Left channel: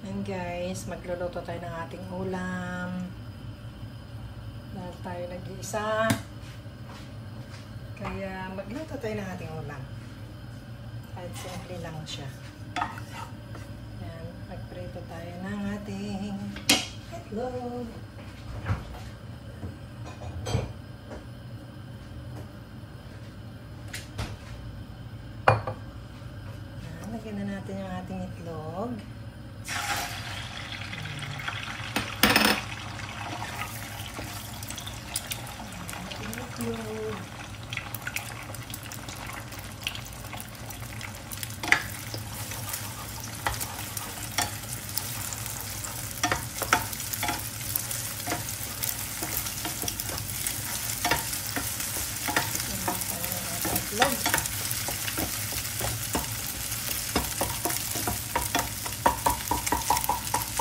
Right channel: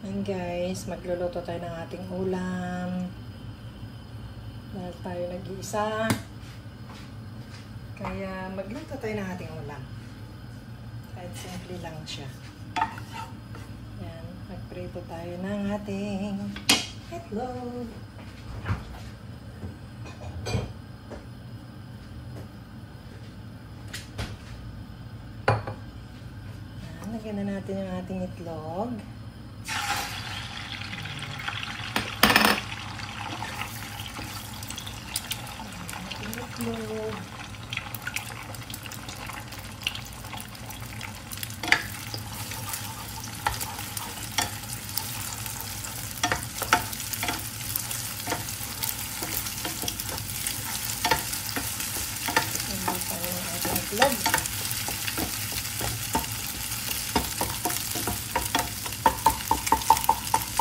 Ayan guys, magluluto tayo ng ating ulam. Dahil tayo nag-iisa. Kaya magluto tayo ng ating ulam. Kahit simple lang siya. Ayan, magprito tayo ng ating itlog. Lagyan na natin yung ating itlog. Itlog.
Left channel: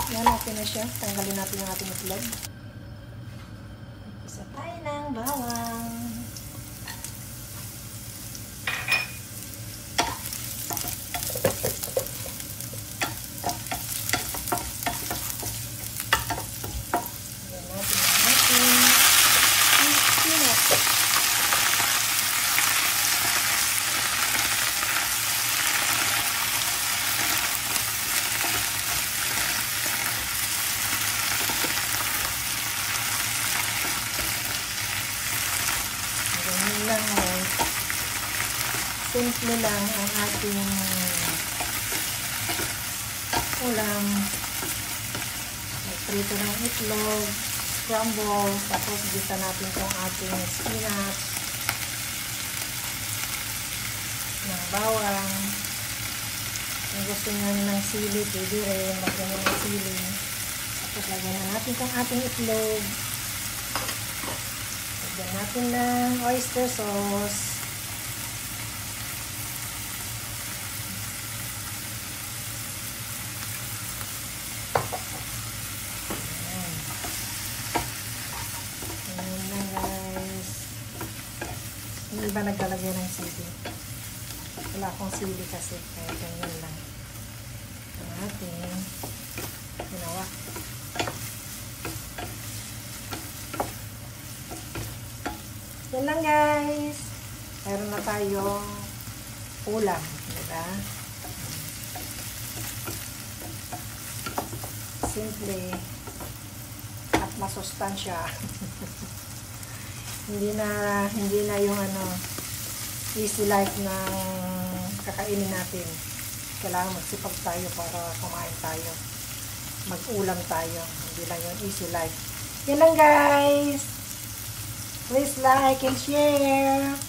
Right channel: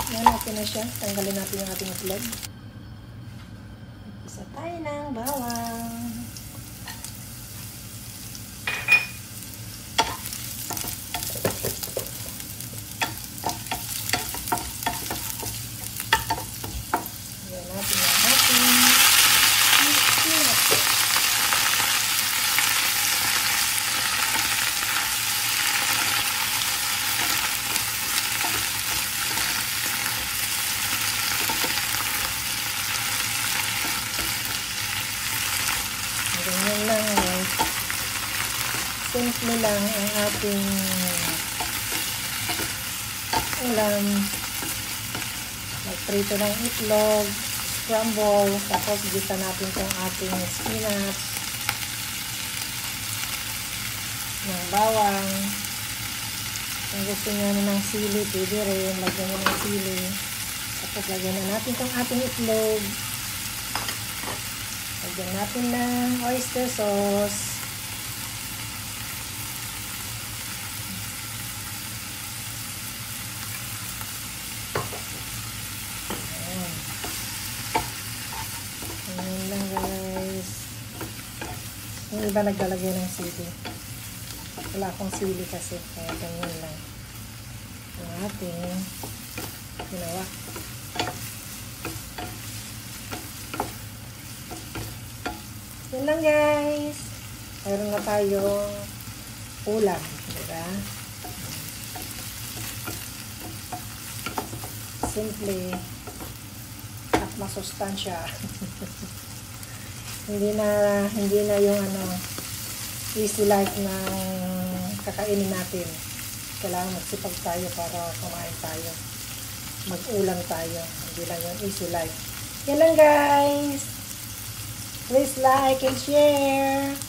Yan natin na siya. Tanggalin natin yung ating itlog. Isa tayo ng bawang. Yan natin yung ating spinach. Ganyan lang guys. Simple lang ang ating ulam. Magprito ng itlog, scramble, tapos gisa natin itong ating spinach, ng bawang. Kung gusto nyo ng sili, pwede rin. Lagyan ng sili. Tapos lagyan na natin itong ating itlog. Lagyan natin ng oyster sauce. Ayan. Ayan lang guys. Yung iba naglalagay ng sili. Wala akong sili kasi. Kaya ganyan lang. Ang ating ginawa. Yan lang guys. Meron na tayong ulam. Diba? Simple. At masustansya. hindi na yung easy life na kakainin natin. Kailangan magsipag tayo para kumain tayo. Mag-ulam tayo. Hindi lang yung easy life. Yan lang guys. Please like and share.